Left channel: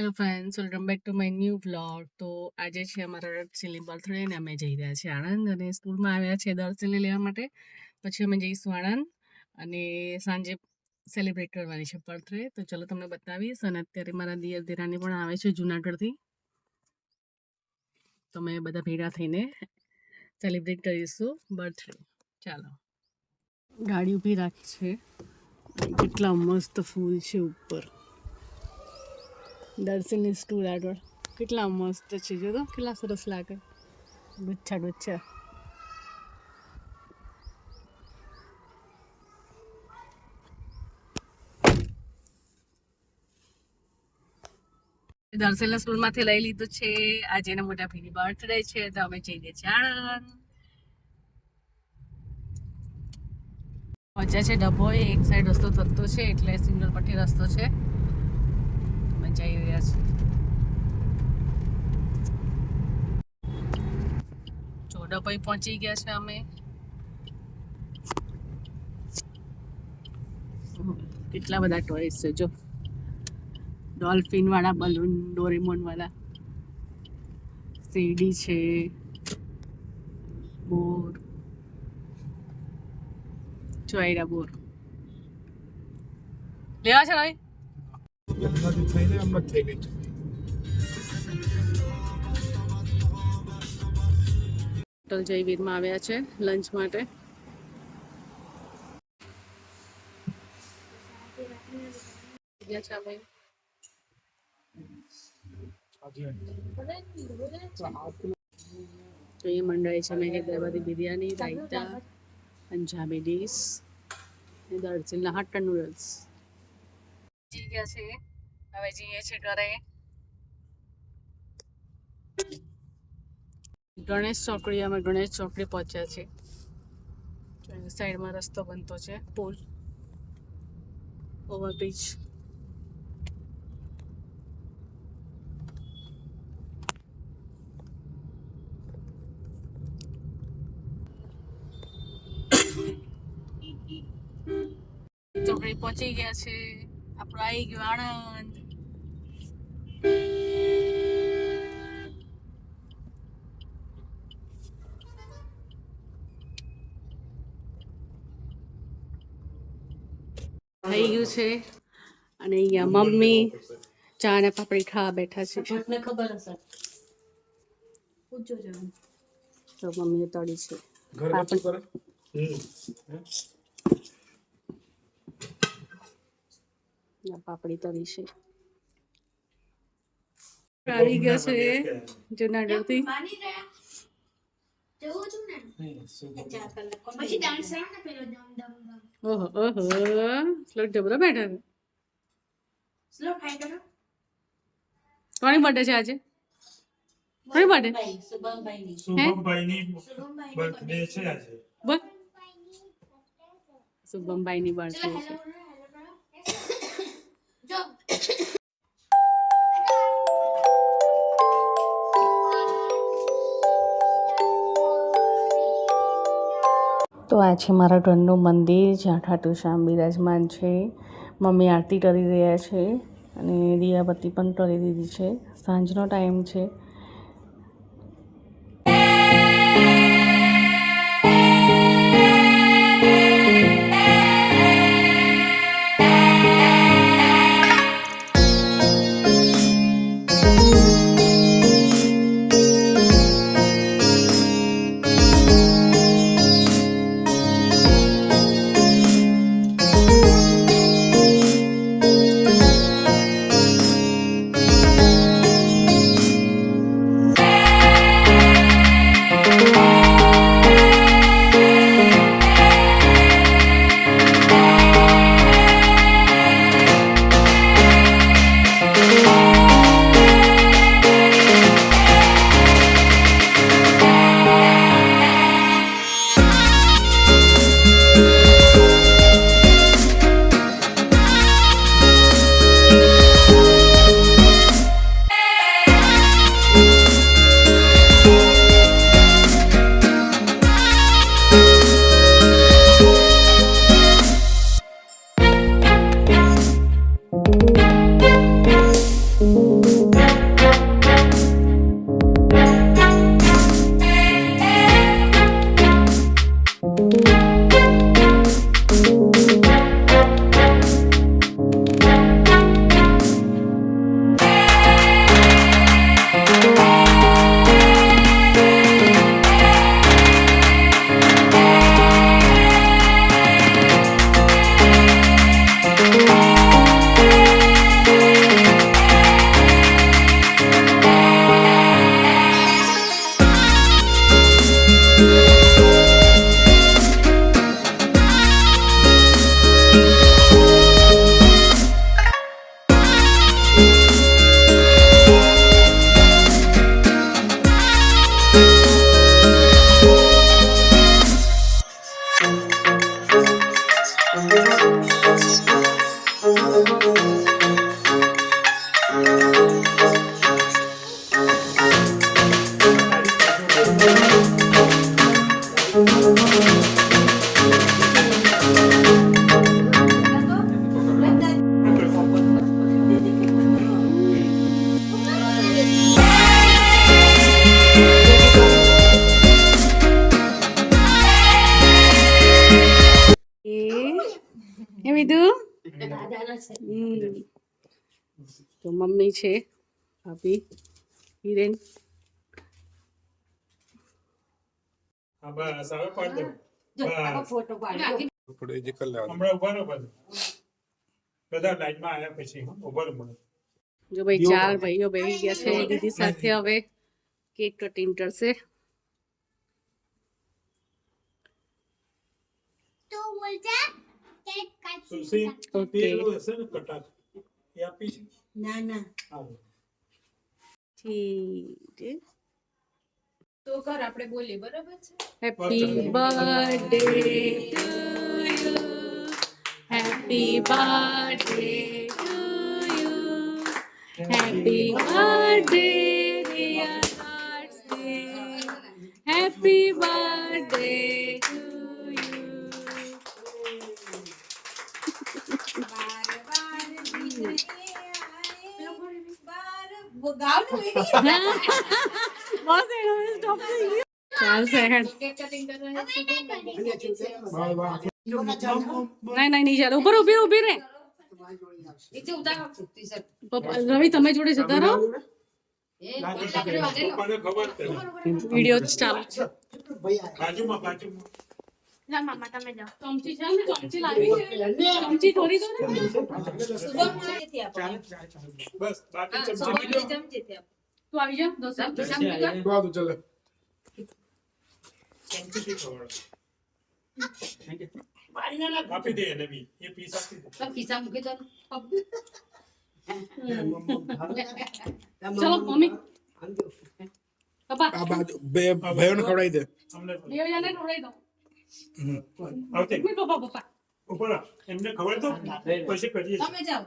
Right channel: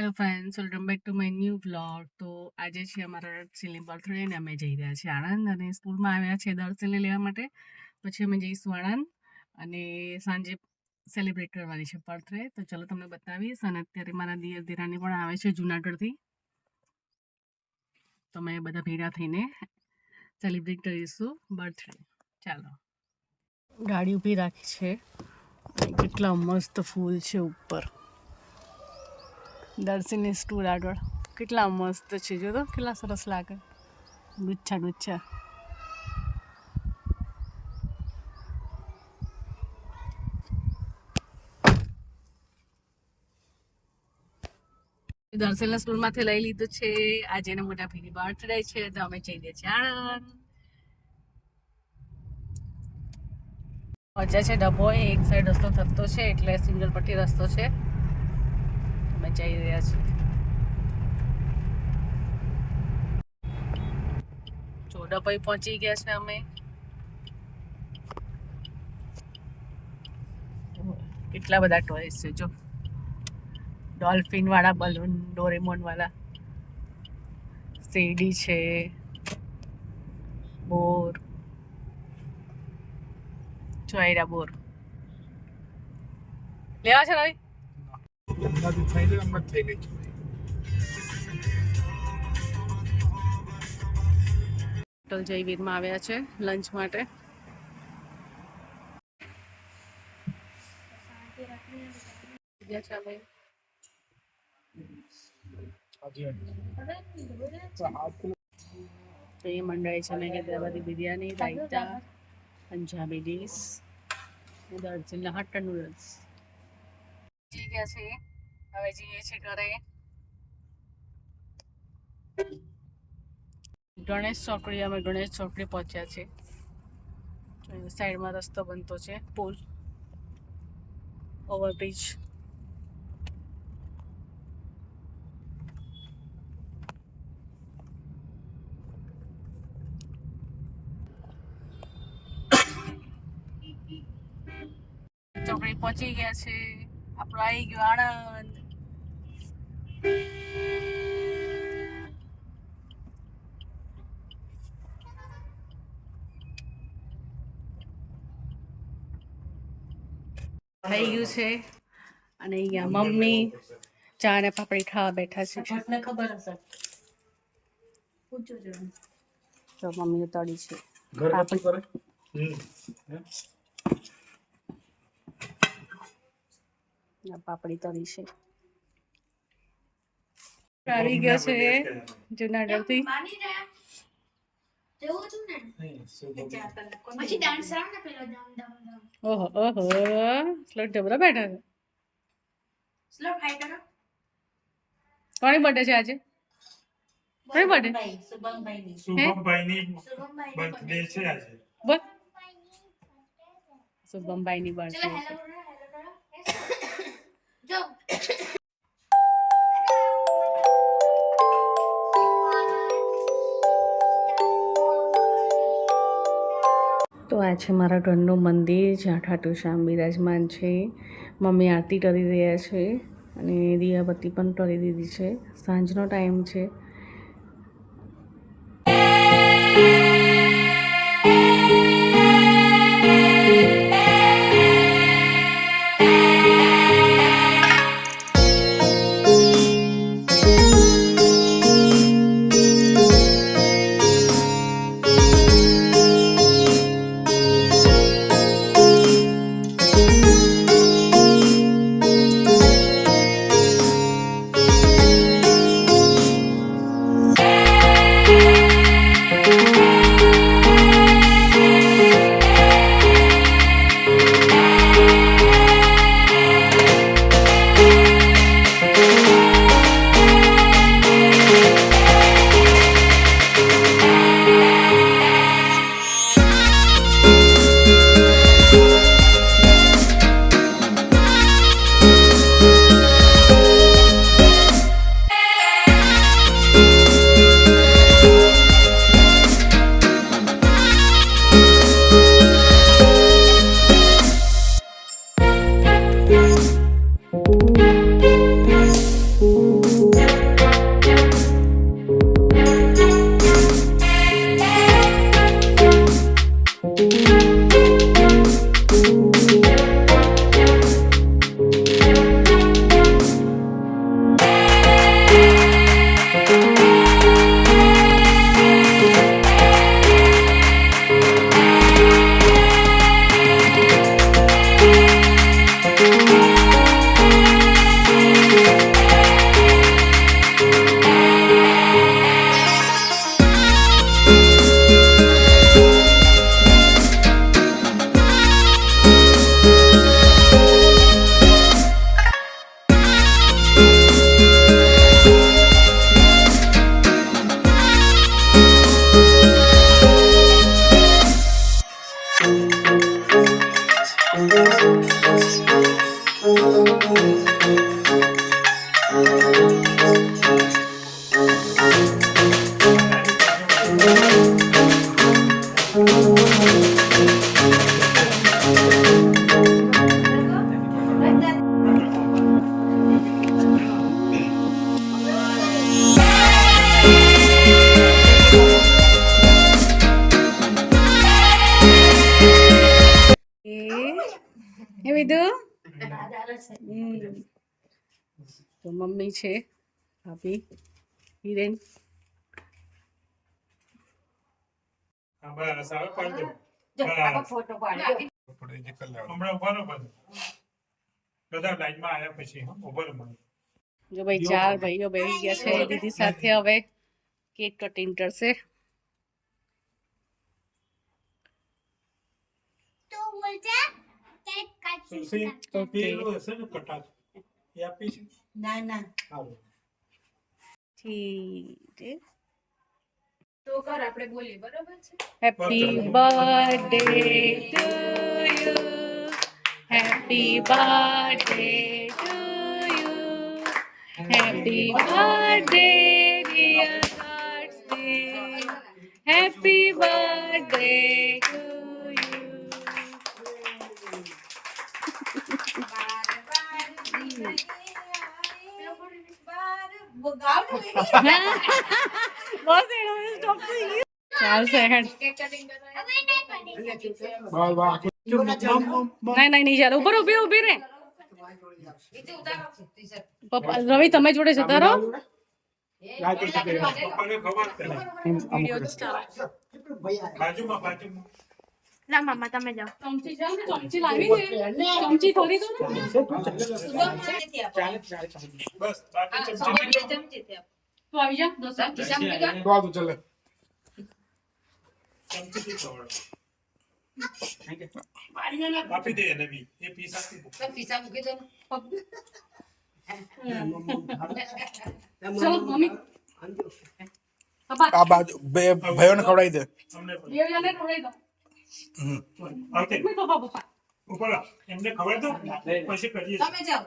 Hello friends, welcome back to my new vlog. તો આજે છે અમારા દર્શનની બર્થડે ને અમે જઈ રહ્યા છીએ આણંદ અને સ્કૂલમાં આવ્યા છે દર્શનને લેવા માટે. પછી અમે જઈશું આણંદ અને સાંજે સેલિબ્રેટ કરવાની છે બર્થડે. તો ચલો તમને બતાવીશ. અને અત્યારે મારા દિયર દિરાણી પણ આવે છે જુનાગઢથી. તો અમે બધા ભેગા થઈને સેલિબ્રેટ કરીશું બર્થડે. ચાલો, ગાડી ઊભી રાખી છે અને કેટલા મસ્ત ફૂલ છે ઉપર. દર્શનની સ્ટૂલ આગળ કેટલા મસ્ત છે, જો તો કેટલા સરસ લાગે, ગુચ્છા ગુચ્છા. દર્શનને સ્કૂલમાંથી લઈ લીધું છે. આજે એના મોટા ભાઈની બર્થડે છે તો અમે જઈએ છીએ આણંદ. મજા છે ડભોઈ, એક સાઈડ રસ્તો થતો છે એટલે સિંગલ પટ્ટી રસ્તો છે. અમે જઈ રહ્યા છીએ. ડભોઈ પહોંચી ગયા છે અમે. કેટલા બધા ટોયસ છે જો, ડોલ્ફિન વાળા બલૂન, ડોરેમોન વાળા, શેરડી છે, બોર, ચોયરા બોર લેવા છે રવિ. હોટલ જયવીરમાં આવ્યા છે લંચ માટે. તો એ મંડળાઈ છે મેં હૈદરાબાદી બિરયાની, રાયતા, પંજાબી ડીશ ને દર્શનના હટ્ટા નૂડલ્સ. જઈ ગયા છે, હવે જઈએ છે ઘરે. ગણેશ ચોકડી, અમે ગણેશ ચોકડી પહોંચ્યા છે. સાઈડમાં રસ્તો બનતો છે, પુલ, ઓવરબ્રિજ. ચોકડી પહોંચી ગયા છે. આપણું આવી ગયું આણંદ. થઈ ગયું છે અને અહીંયા મમ્મી ચા ને પાપડી ખાવા બેઠા છે. તો મમ્મીએ તળી છે પાપડી તળી છે. આવી ગયો છે જુનાગઢ થી. ઓહો ઓહો, સ્લો જબરો બેઠા છે. કોની બર્થડે છે આજે? કોની બર્થડે? બોલ, શુભમભાઈ ની બર્થડે છે. તો આ છે મારા ઘરનું મંદિર જ્યાં ઠાઠુ શ્યામ બિરાજમાન છે. મમ્મી આરતી કરી રહ્યા છે અને દિયાબત્તી પણ કરી દીધી છે. સાંજનો ટાઈમ છે. એ વિધુ તો મમ્મી છે, ભાભી, હિરેન. જો ભાઈ 4 ભાઈઓ બેસી ગયા છે દીદી સાથે. હવે કેક કટિંગ કરશે. ઓકે ઠીક. તો કર આપણે બોલી બરાબર છે. Happy birthday to you, happy birthday to you, happy birthday dear Karthik, happy birthday to you. બસ એનો સ્ટોપ થઈ ગયો. ચાલશે હેડ. નહીં ચાલે. ઉપર ઊભી રે. પપ્પા રવિ તમે જોડે જતા રહો. વિડિયો ચાલુ છે. લા મમ્મા તમે જાઓ. ચમચી છે ને, ચમચી લાવી છે. ચમચી થોડી દો ને. બસ બાકી ચમચી ચમચી થી તું આવી જા. દસ ચમચી થી ખવડાવો. આપી દે એને બી એ પીસ આપી દે. પીસા મૂકી દો. ચલો મમ્મી. પપ્પા આ બાજુ બે ભાઈઓને ખવડાવી દે. અમને બે જણને ખવડાવી દો. ઓકે પપ્પા ઉપર એમને ખબર તો પછી કરીએ છીએ. તમે જાઓ.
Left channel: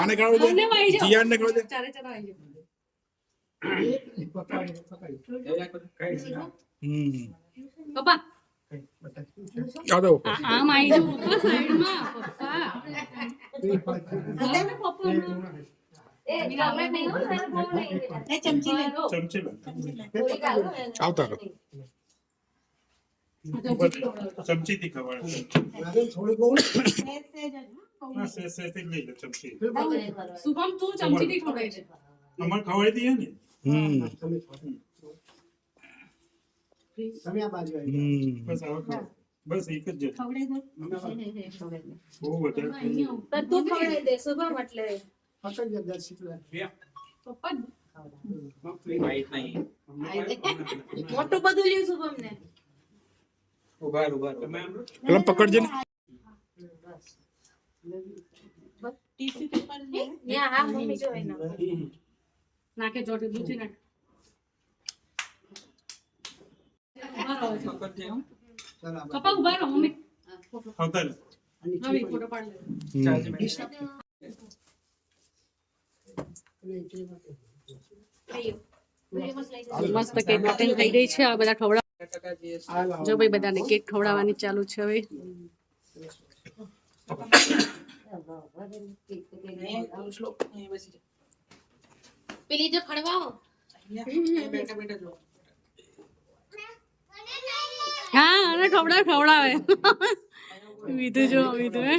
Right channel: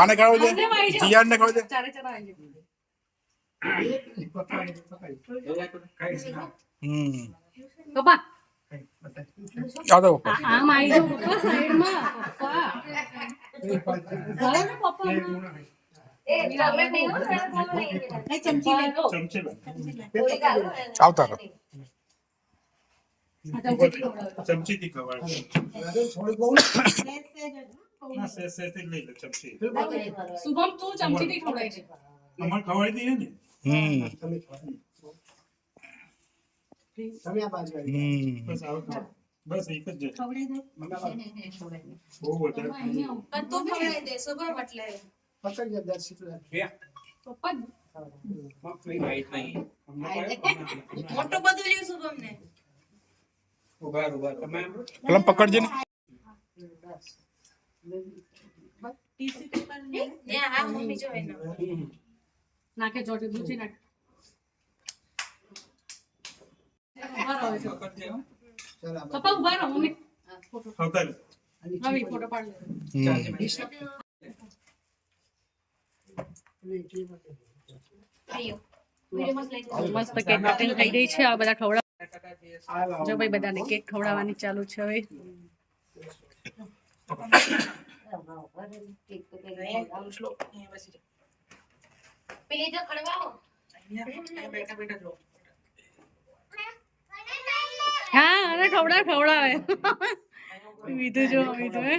આને ખવડાવી દે, બંને આવી જાઓ. જીયાનને ખવડાવી દે. ચારે આવી પપ્પા. આવો પપ્પા. આમ આવી જાઓ પપ્પા સાઈડમાં. પપ્પા ચમચી લે. આવતા રહો. ચમચી થી ખવડાવો. ના સે થી લઈ લે ચમચી. શુભમ તું ચમચીથી ખવડાય છે. અમર ખવડાવી દઈએ ને. બસ આવો ખાઓ. બસ એક જ છે. બહુ વધારે ખાઈ લો. પણ તું ખવડાવી દે શુભમ એટલે પપ્પા મોટું બધું લ્યું શુભમ ને. પેલા પકડજે ને. હા મમ્મી જો એનો નાખે જોડે દૂધી નાખ. પપ્પા ઉભા રહો મમ્મી. આવતા રહો. મમ્મી ફોટો પાડી મસ્ત કેક કટિંગ થઈ રહી છે. આ બધા ખવડાવ. જો ભાઈ બધાને કેક ખવડાવવાની ચાલુ છે હવે. પેલી જો ખડવાઓ હા અને ખવડાવે. વિધુ જો વિધુ હે.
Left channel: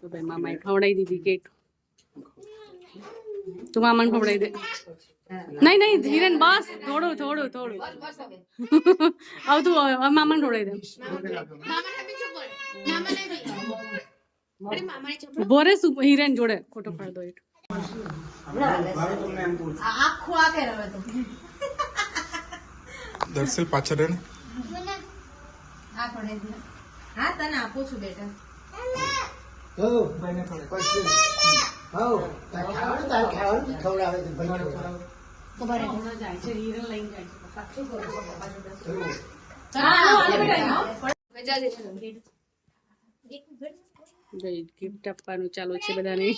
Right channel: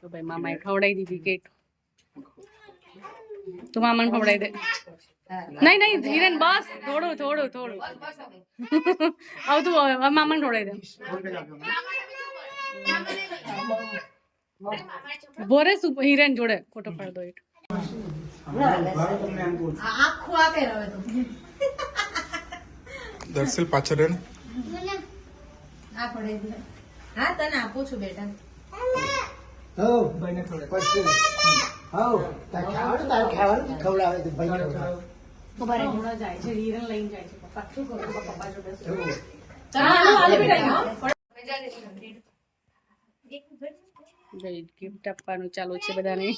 તો ભાઈ મામાએ ખવડાવી દીધી કેક. તું મામાને ખવડાવી દે. નહીં ધીરેન બસ થોડું આવતું મામાને ખવડાવી દે. ઉભો રે હિરેન જોડે ફોટો પાડ દો. દર્શન પાછળ રહે ને. હા તને આપું છું બેટા. ગિફ્ટ આપવાનું ચાલુ છે બધાને.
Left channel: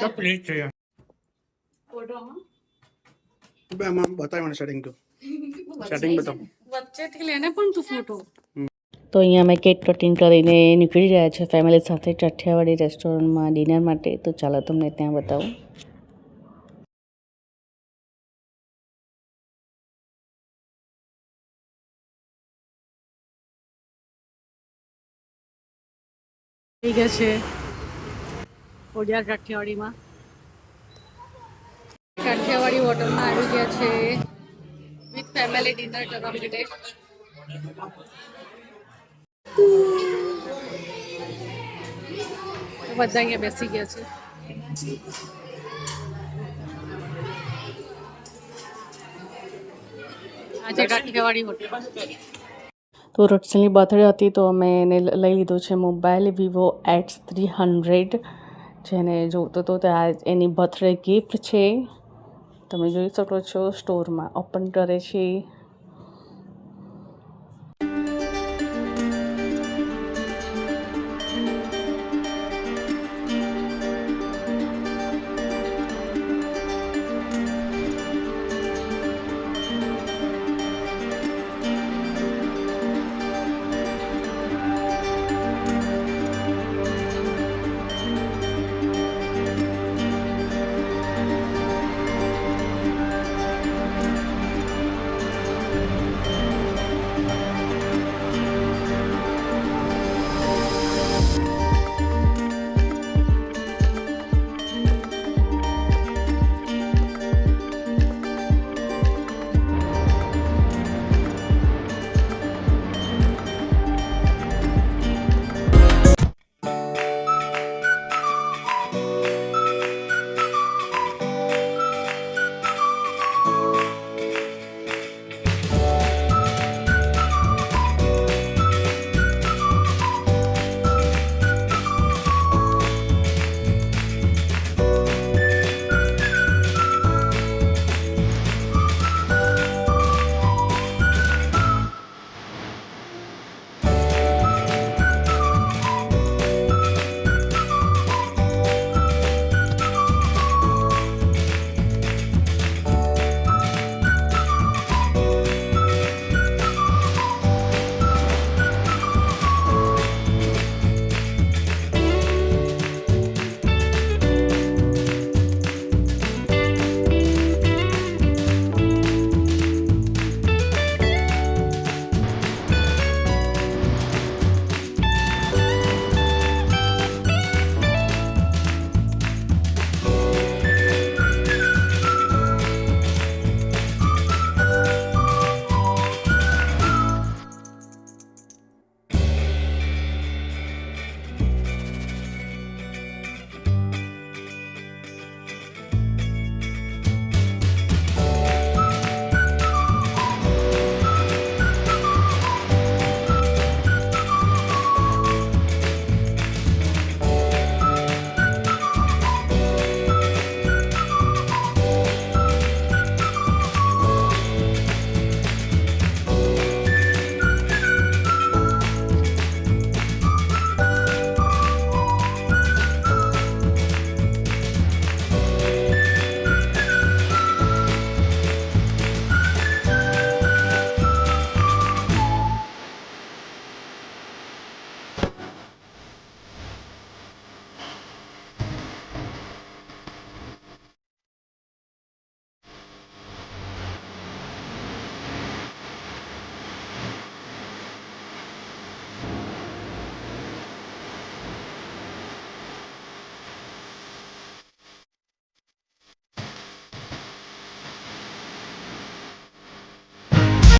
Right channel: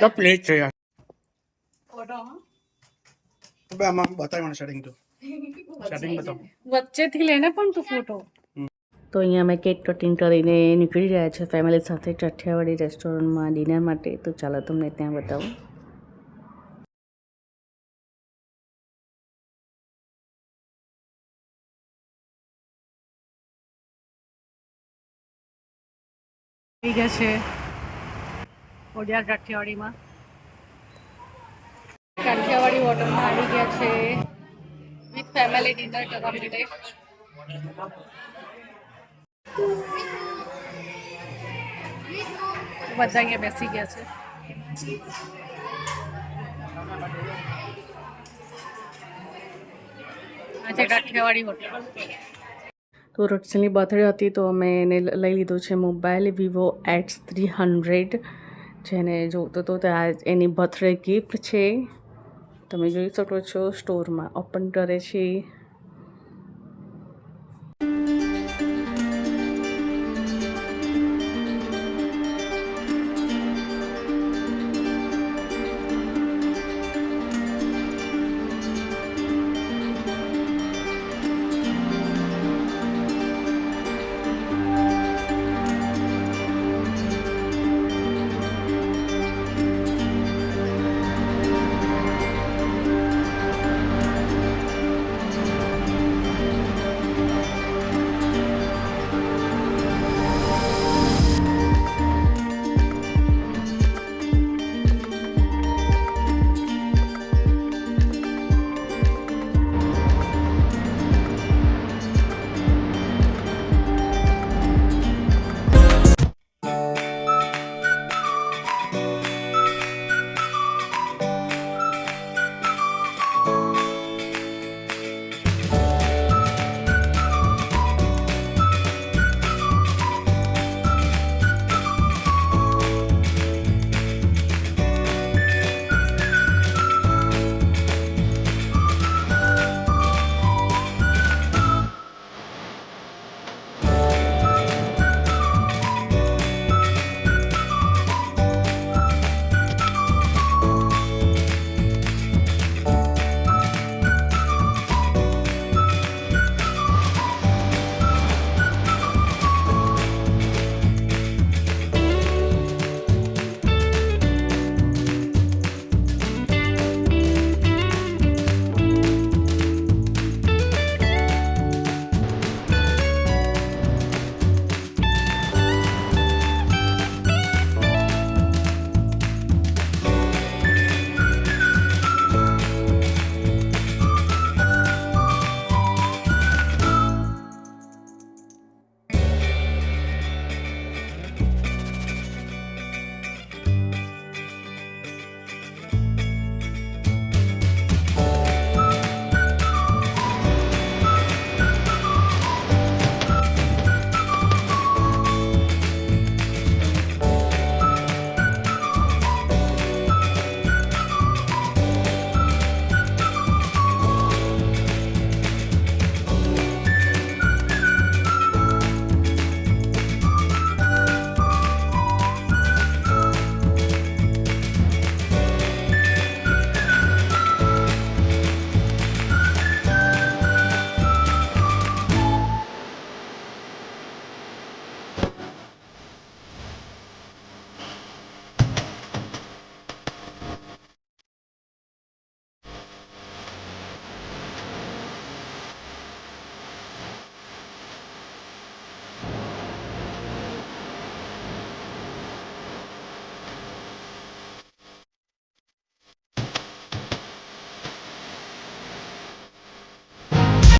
તો પ્લેટ છે યાર. ફોટો આમાં બતાવી મને સેટિંગ તો સેટિંગ બતાવો. વચ્ચેથી લેને પણ તું ફોટો. તો અહીંયા અમે કેક કટિંગ કરીને નીકળી રહ્યા છે ફેમિલી સાથે ચઠિયાવાડી રેસ્ટોરન્ટમાં ડિનર માટે. તો ચાલો તમને ત્યાં બતાવું. થઈ ગયા છે ખોડિયાર કાઠિયાવાડીમાં. કાઠિયાવાડી હોટલમાં આવી ગયા છે વિથ ફેમિલી ડિનર કરવા માટે. તો બધા અહીંયા બેસી ગયા છે. આજે કાઠિયાવાડી હોટલ. તો રટસલની બર્થડે હતી તો અમે એને લઈ લીધો છે મોબાઈલ વિવો X300, જેને જોતો તો ત્યાં એની બર્થડે ગિફ્ટ છે. તમે જોઈ શકો છો સ્ટોરમાં ઓપન કરે છે.